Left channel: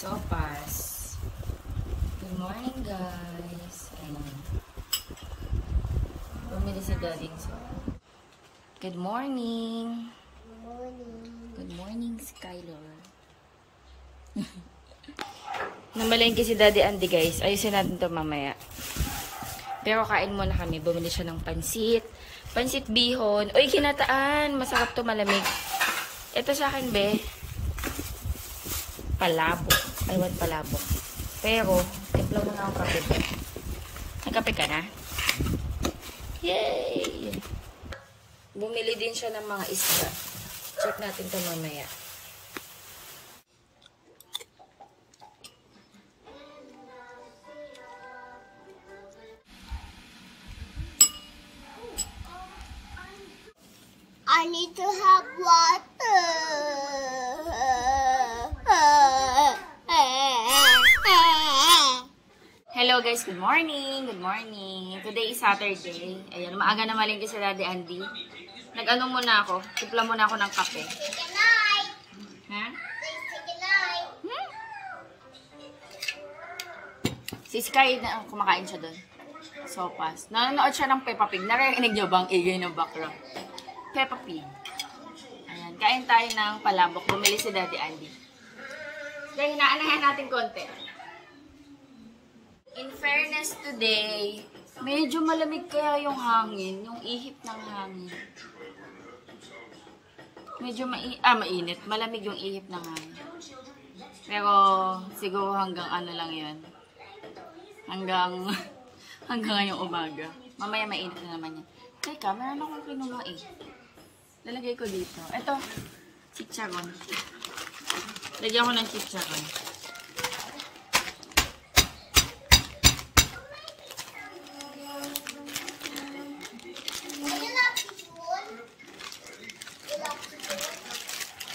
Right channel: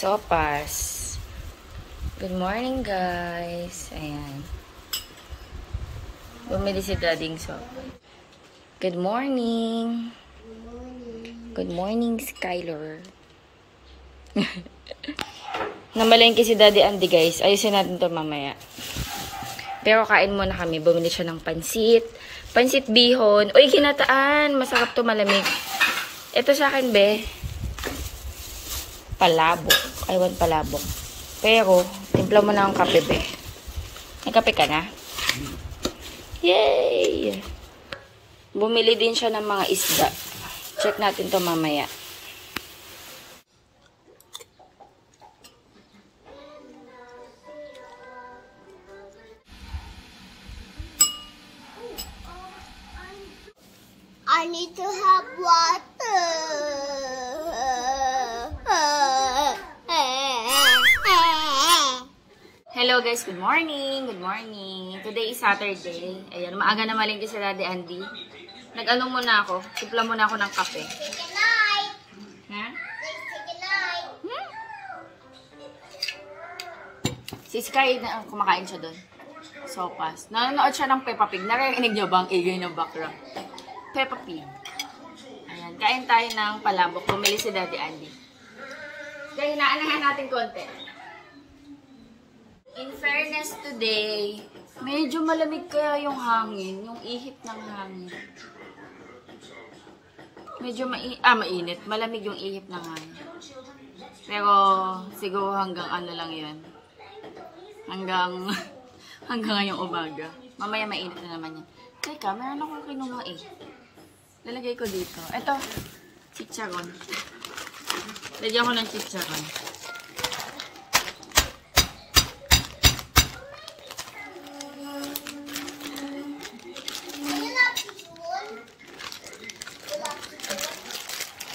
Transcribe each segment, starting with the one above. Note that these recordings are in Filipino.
Sopas. Good morning, guys. Ayan. Bumili si Daddy ng sopas. Good morning. Good morning, Skylar. Namalengke si Daddy Andy, guys. Ayusin natin to mamaya. Pero kain muna kami. Bumili siya ng pansit. Pansit bihon. Uy, ginataan. Masarap to, malamig. Ito sa akin, be. Palabok. I want palabok. Pero, timpla mo na ang kape, be. May kape ka na? Yay! Bumili din siya ng mga isda. Check natin to mamaya. I need to have water. Hello guys, good morning. Good morning. Today is Saturday. Ayan, maaga na malingki si Daddy Andy. Nag-ano muna ako. Tipla muna ako ng kape. Good night. Ha? Good night. Si Sky, kumakain siya doon. Sopas. Nanonood siya ng Peppa Pig. Narinig niyo ba ang igay ng background? Peppa Pig. Ayan, kain tayo ng palabok. Bumili si Daddy Andy. Dahil naanahan natin konti. In fairness today, medyo malamig kaya yung hangin, yung ihip ng hangin. Medyo mainit. Malamig yung ihip ng hangin. Pero siguro hanggang ano lang yun. Hanggang ngayong umaga. Mamaya mainit na naman yan. Teka, meron akong kinuha eh. Lalagay ko dito. Ito, chicharon. Lagyan ko ng chicharon.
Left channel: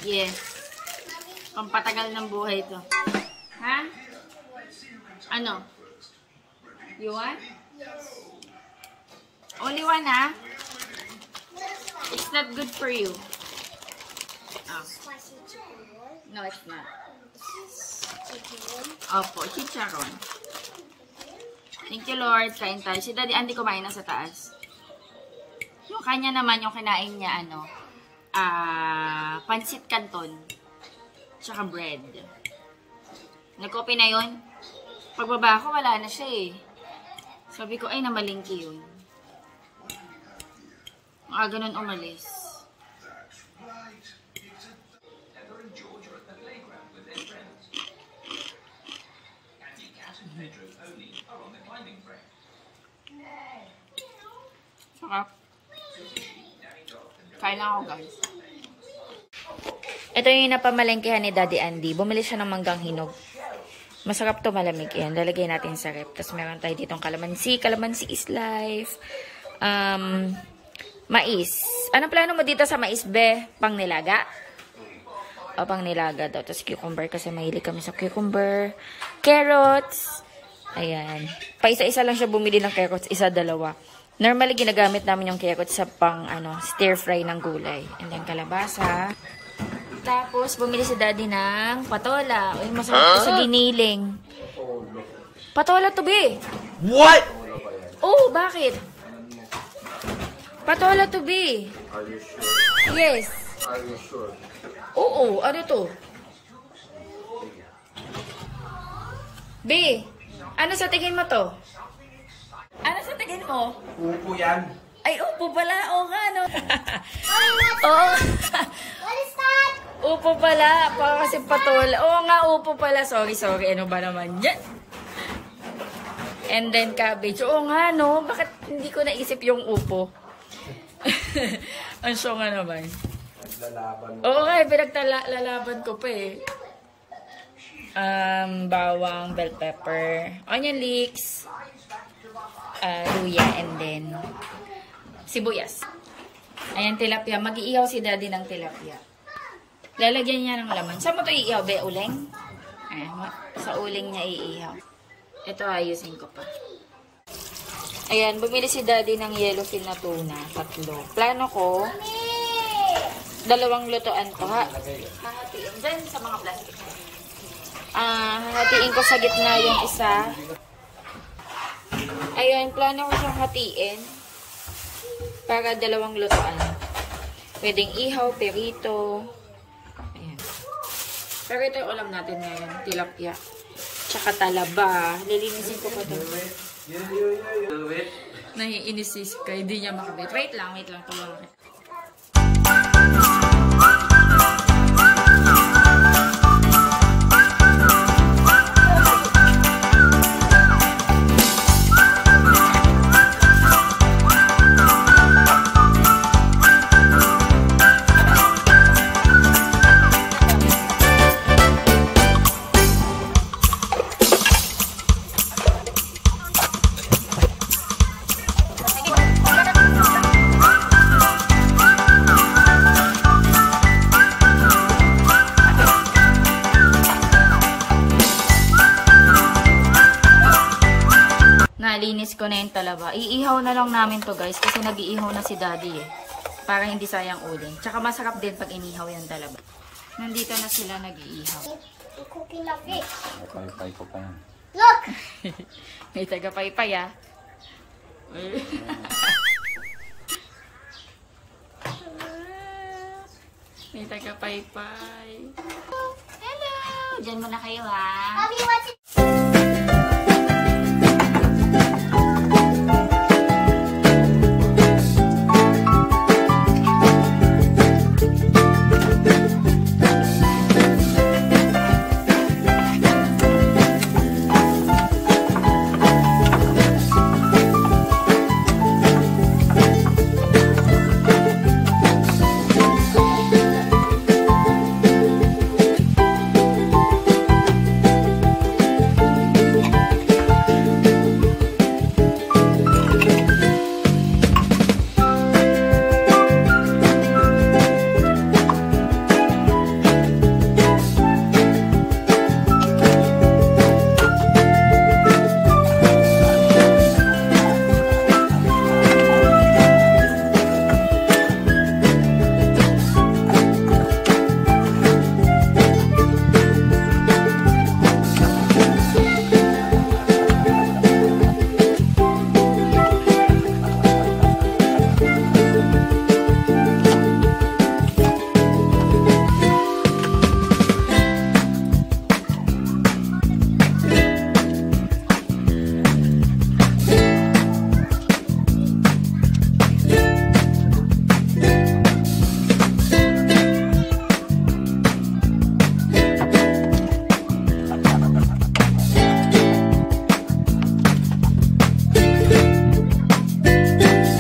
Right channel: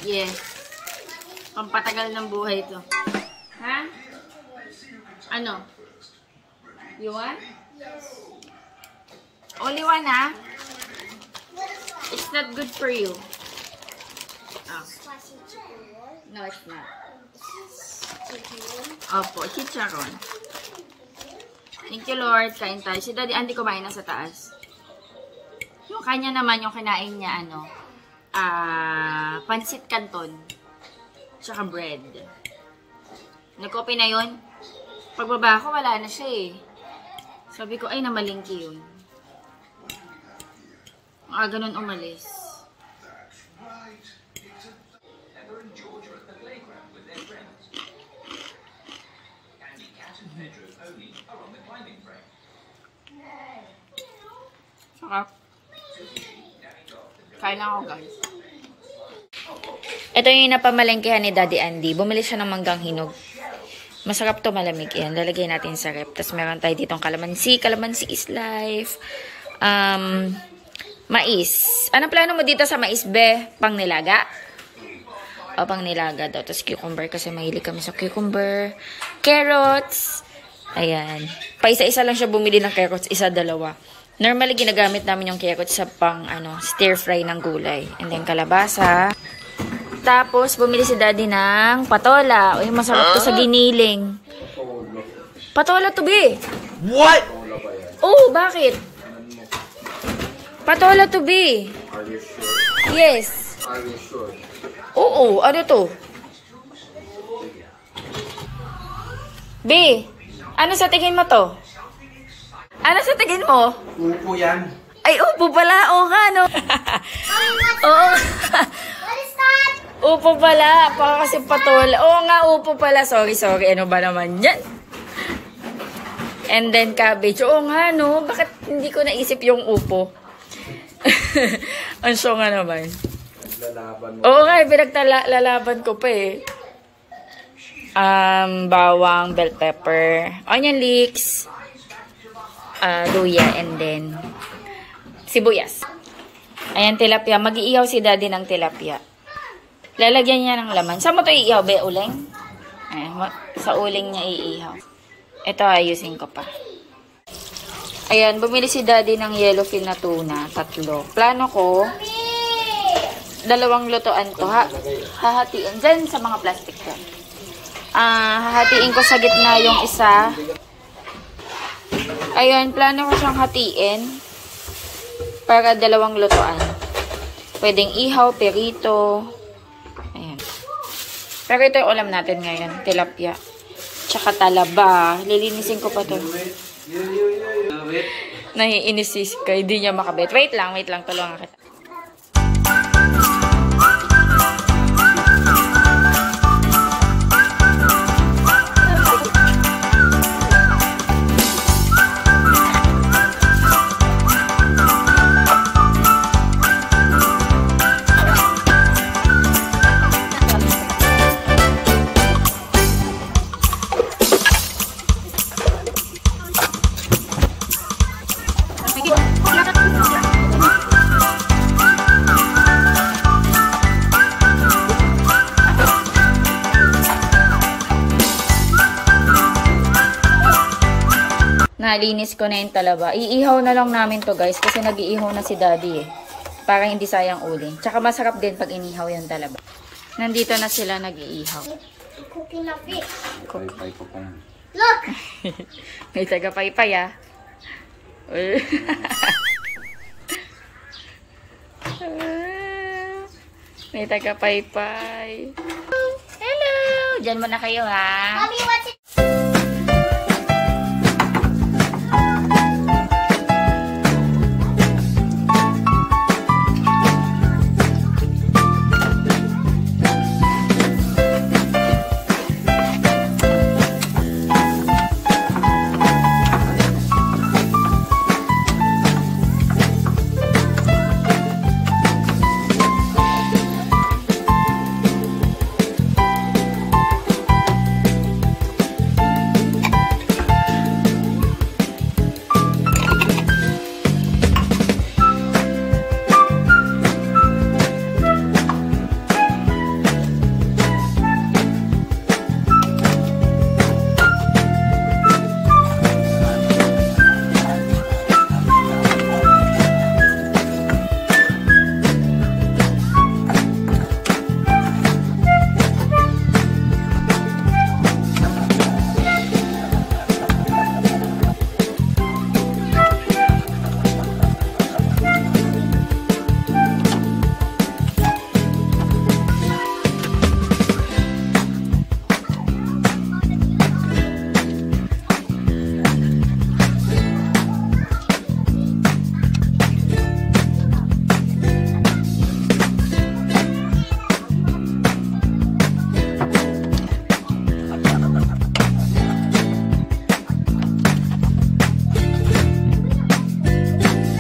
Yes. Pampatagal ng buhay ito. Ha? Ano? You want? Only one, ha? It's not good for you. Oh. No, it's not. Opo, chicharon. Thank you, Lord. Kain tayo. Si Daddy Andy kumain na sa taas. Yung kanya naman, yung kinain niya, pansit canton. Tsaka bread. Nag-copy na yun. Pagbaba ko, wala na siya eh. Sabi ko, ay, namalingki yun. Ganun umalis. Sarap. Kain na ako, guys. Ito yung napamalengkehan ni Daddy Andy. Bumili siya ng manggang hinog. Masarap to, malamig yan. Lalagay natin sa rep. Tapos meron tayo ditong kalamansi. Kalamansi is life. Mais. Anong plano mo dito sa mais, be? Pang nilaga? O, pang nilaga daw. Tapos cucumber kasi mahilig kami sa cucumber. Carrots. Ayan. Paisa-isa lang siya bumili ng carrots. Isa, dalawa. Normally, ginagamit namin yung carrots sa pang, stir fry ng gulay. And then, kalabasa. Tapos, bumili si Daddy ng patola. Uy, masarap to sa giniling. Patola to, be. What? Oh, bakit? Patola to, be. Are you sure? Yes. Are you sure? Oo, ano to? B, ano sa tingin mo to? Ano sa tingin mo? Upo yan. Ay, upo pala. Oo nga, no? Oo. Upo pala. Baka kasi patola. Oo nga, upo pala. Sorry. Ano ba naman yan? And then cabbage. Oo nga, no? Bakit hindi ko naisip yung upo? Ang show nga naman. Oo nga, pinaglalalaban ko pa eh. Bawang, bell pepper, onion leeks, luya, and then sibuyas. Ayan, tilapia. Mag-iihaw si Daddy ng tilapia. Lalagyan niya ng laman. Saan mo ito iihaw, be? Uling? Ayan, sa uling niya iihaw. Ito, ayusin ko pa. Ayan, bumili si Daddy ng yellowfin na tuna. 3. Plano ko, 2 lutuan to. Hahatiin dyan sa mga plastic lang. Hahatiin ko sa gitna yung isa. Ayun, plano ko siyang hatiin para dalawang lutuan. Pwedeng ihaw, perito. Ayan. Pero ito yung ulam natin ngayon. Tilapia. Tsaka talaba. Lilinisin ko pa to. Naiinis si Sky. Di niya makabit. Wait lang. Tulungan kita. Nalinis ko na yung talaba. Iihaw na lang namin to guys kasi nag-iihaw na si daddy eh. Para hindi sayang uling. Tsaka masarap din pag inihaw yung talaba. Nandito na sila nag-iihaw. Cooking a fish. Pay ko pa na. Look! May taga-paypay ah. May taga-paypay. Hello! Diyan muna kayo ha. Mommy, what's it?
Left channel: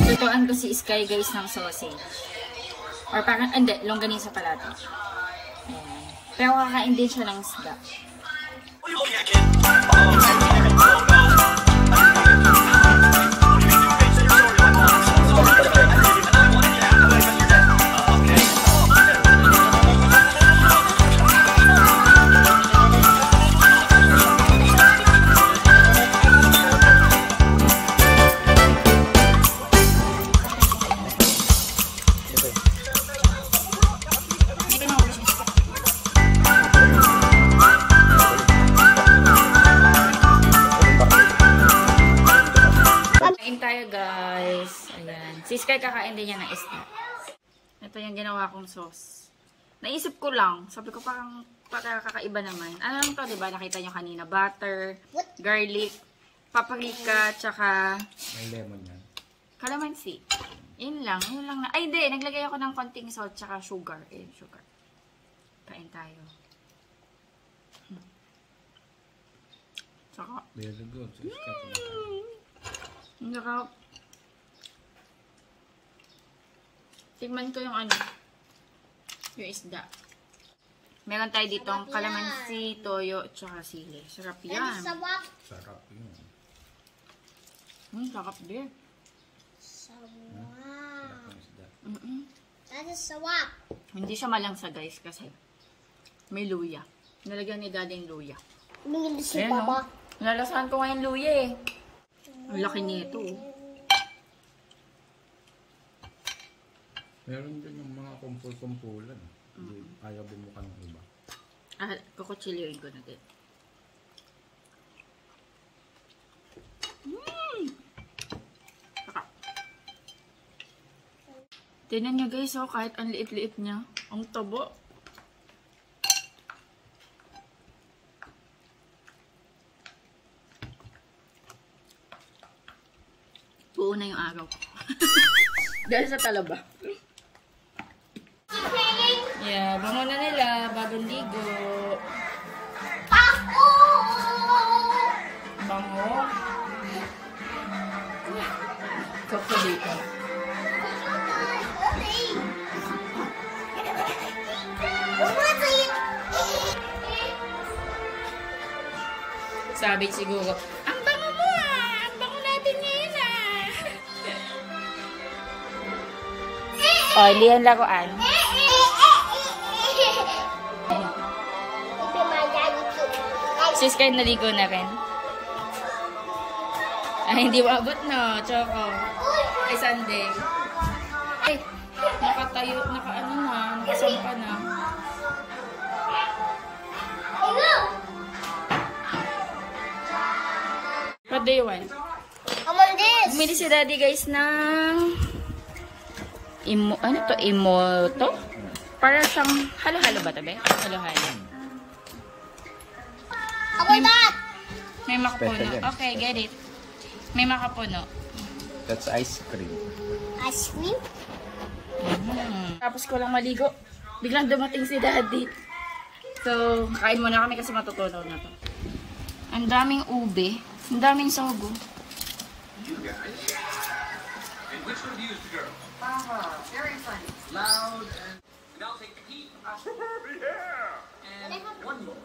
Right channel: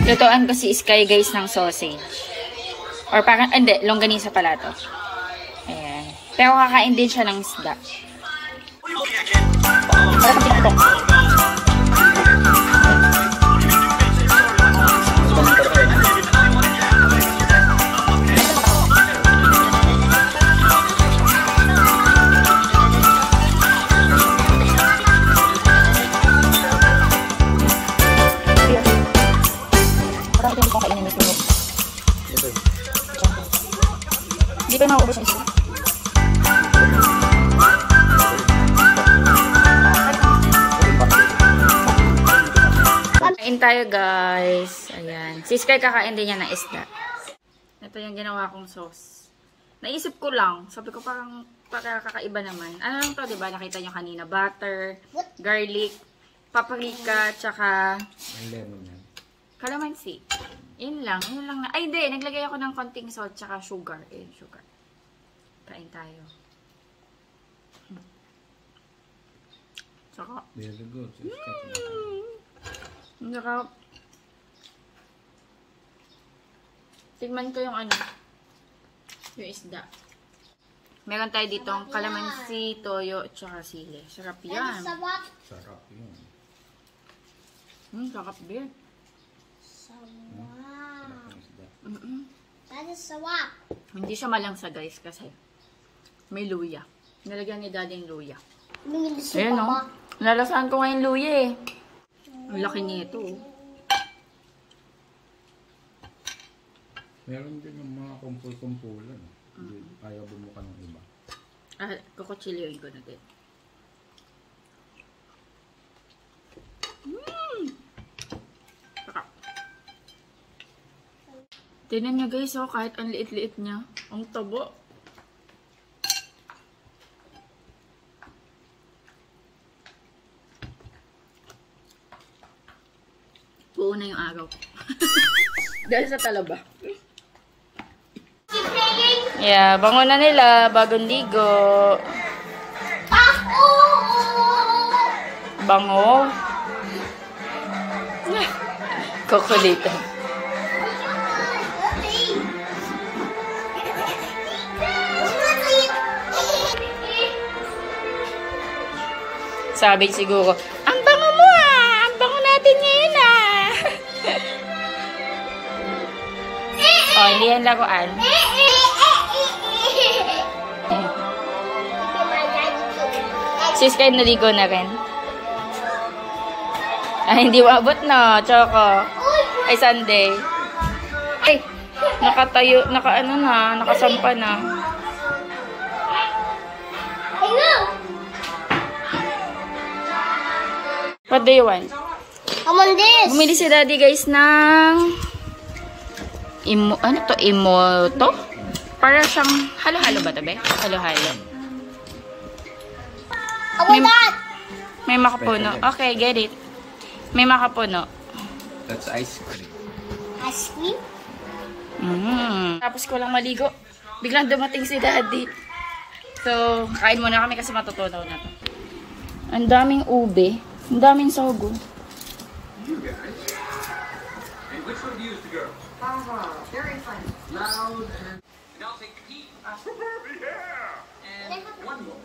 Lutuan ko si Sky guys ng sausage. Or parang, hindi, longganisa pala to. Ayan. Pero kakain din siya ng isda. Dito na ubos ang isa. Kain tayo guys. Ayan. Si Sky kakain din niya ng isda. Ito yung ginawa kong sauce. Naisip ko lang. Sabi ko parang kakaiba naman. Ano lang to, diba? Nakita nyo kanina. Butter, garlic, paprika, tsaka calamansi. Yun lang na. Ay, hindi. Naglagay ako ng konting salt tsaka sugar. Sugar. Kain tayo. Tsaka. Very good. Tsaka. Tigman ko yung ano. Yung isda. Meron tayo dito ang calamansi, toyo, tsaka sili. Sarap yan. Sarap. Sarap yun. Sarap din. That is sarap. Hindi siya malangsa guys kasi may luya. Nalagyan ni daddy yung luya. Ayan o. Nalalasahan ko ngayon luya eh. Ang laki nito. Meron din yung mga kumpul-kumpulan. Ayaw bumuka ng iba. Kukuchilyoin ko na din. Tingnan nyo guys, oh, kahit ang liit-liit niya. Ang tabo. Buo na yung araw. Dahil sa talaba. Yeah, bango na nila. Bagong ligo. Bango. Kukulitan. Sabi siguro, ang bango mo ah! Ang bango natin ngayon ah! Oh, hindi yan laruan. Sis, kayo naligo na rin. Ay, hindi maabot no, Choco. Ay, Sunday. Ay, nakatayo, nakasampa na. What do you want? I want this. Bumili si Daddy guys ng ano to? Imoto? Para siyang halo-halo ba to, be? Halo-halo. I want that. May makapuno. Okay, get it. May makapuno. That's ice cream. Ice cream? Tapos ko lang maligo. Biglang dumating si Daddy. So, kain muna kami kasi matutunaw na to. Ang daming ube. Ang daming sago. You guys. And which reviews the girl? Very funny. Loud and I'll take Pete. Yeah. And one more.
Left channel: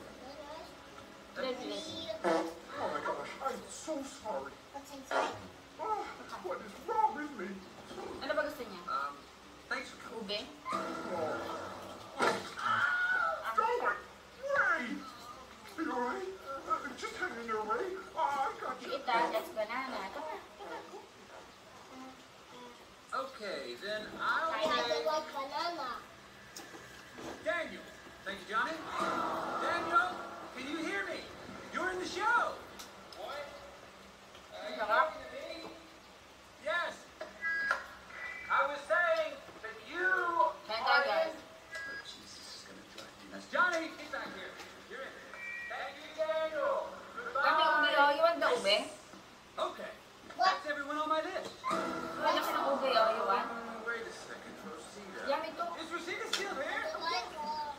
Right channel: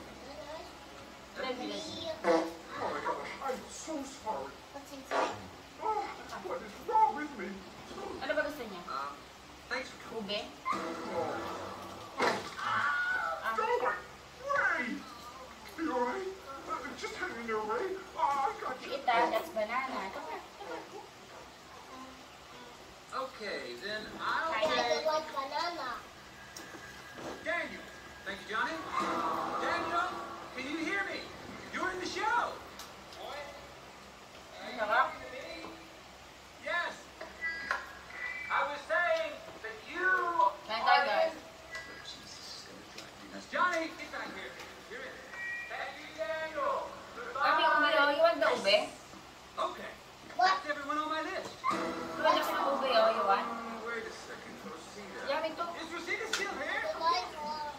Oh my gosh, I'm so sorry. What's inside? Oh, what is wrong with me? Ano ba gusto niya? Thanks for coming. Ube? Don't worry. Ray! You alright? Just hang in there, Ray. Oh, I got you. That's banana. Okay, then I'll I don't like banana. Daniel. Thank you, Johnny. Daniel, can you hear me? You're in the show. Yes. I was saying that you are... guys. Jesus, this is gonna drive me nuts. Johnny, get back here. You're in. Thank you, Daniel. Kami ube, oh. You want the ube? Okay. That's everyone on my list. You want the ube, oh. You want? Wait a second, Rosita. Yeah, me too. Is Rosita still here?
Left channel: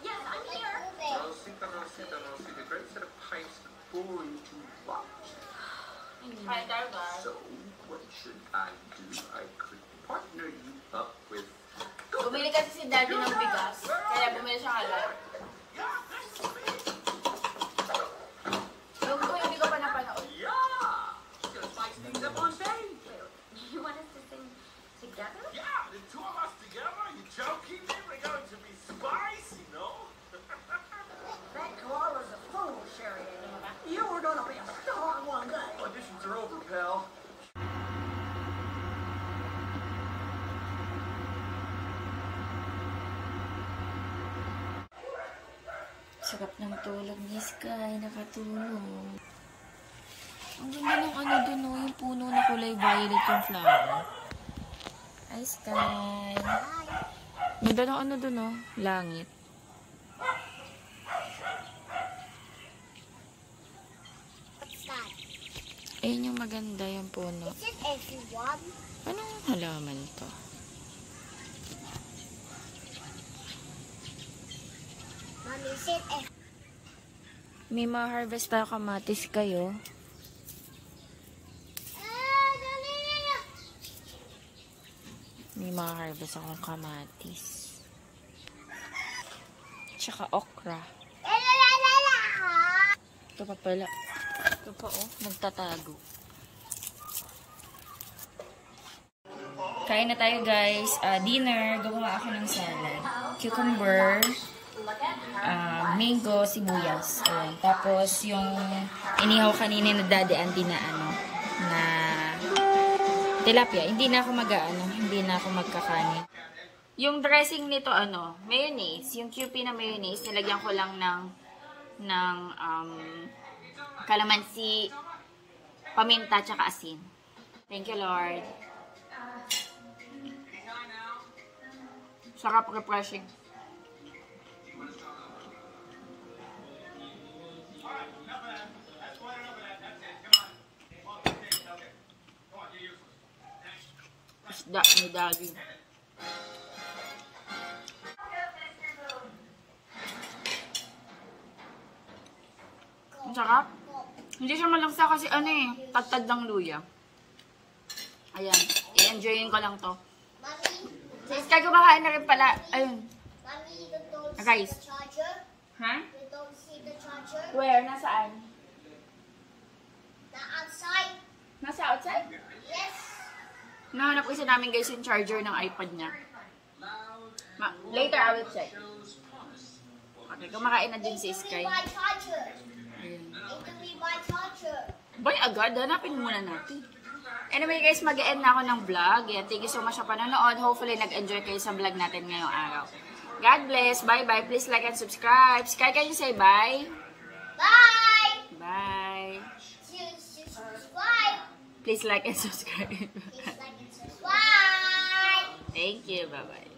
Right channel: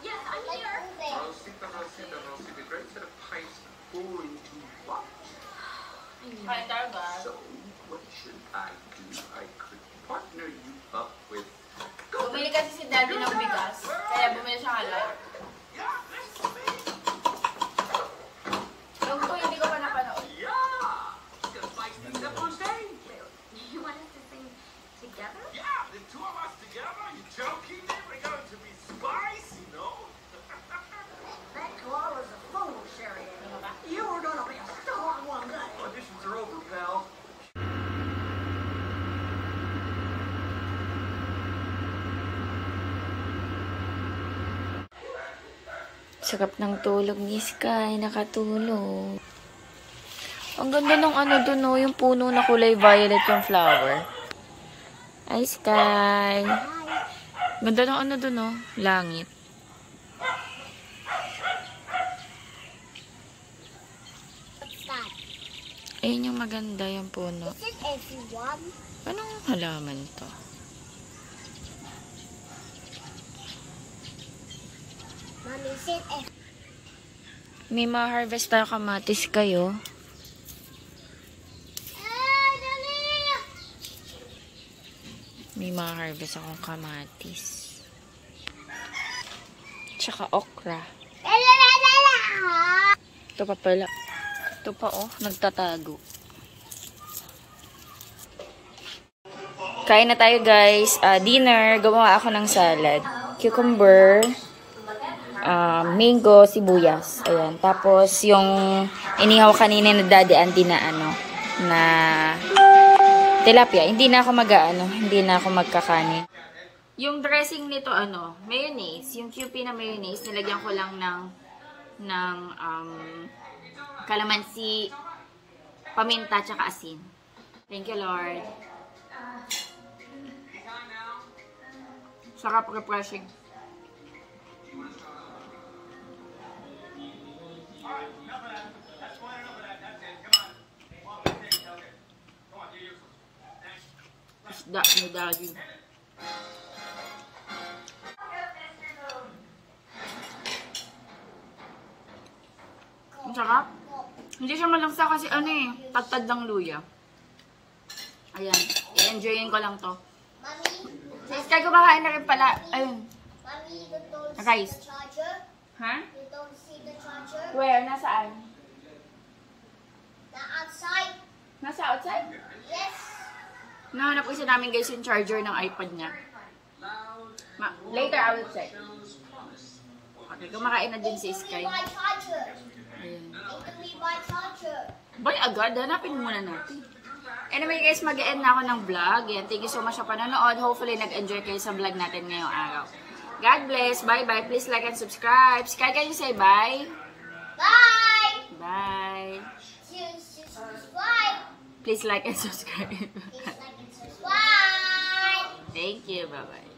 Yes, I'm here. Rosita, Rosita, Rosita. Great set of pipes going to watch. Kain tayo, guys. So, what should I do? I could partner you up with... Bumili kasi si Daddy ng bigas. Kaya bumili siya halal. Yeah, nice to meet you. Yung ko, hindi ko pa napanood. Yeah! Just spice things up on stage. You want us to sing together? Yeah, the two of us together. You joking me? We're going to be spicy, no? That car was a fool, Sheridan. You were gonna be a star one day. Auditions are over, pal. Sarap ng tulog ni Sky. Nakatulog. Ang ganda ng ano dun, oh. Yung puno na kulay violet yung flower. Ay, Sky. Ganda ng ano dun, oh. Langit. What's that? Ayun yung maganda yung puno. Is it everyone? Anong halaman to? Mom, is it everyone? May ma-harvest tayo kamatis kayo. May ma-harvest akong kamatis. Tsaka okra. Ito pa pala. Ito pa oh, nagtatago. Kain na tayo guys. Dinner, gumawa ako ng salad. Cucumber, mango, sibuyas. Ayan. Tapos yung inihaw kanina na Daddy Andy na ano, na tilapia. Hindi na ako hindi na ako magkakanin. Yung dressing nito ano, mayonnaise. Yung Kewpie na mayonnaise, nilagyan ko lang ng kalamansi, paminta, tsaka asin. Thank you, Lord. Sarap, refreshing. Isda ni Daddy. Ang sarap. Hindi siya malangsa kasi ano eh, tagtad ng luya. Ayan, i-enjoyin ko lang to. Si Sky kumakain na rin pala. Ayun. Mommy, you don't Rice. see the charger? Ha? You don't see the charger? Where? Nasaan? The outside? Nasa outside? Yes. Nahanap ko isa namin guys yung charger ng iPad niya. Later I will check. Okay, kumakain na din si Sky. My charger. Ayan. Give me my charger. Bay, agad. Hanapin muna natin. Anyway guys, mag-end na ako ng vlog. Yan, thank you so much sa panonood. Hopefully, nag-enjoy kayo sa vlog natin ngayong araw. God bless. Bye-bye. Please like and subscribe. Sky, can you say bye? Bye. Bye. Subscribe. Please like and subscribe. Please like and subscribe. Thank you. Bye-bye.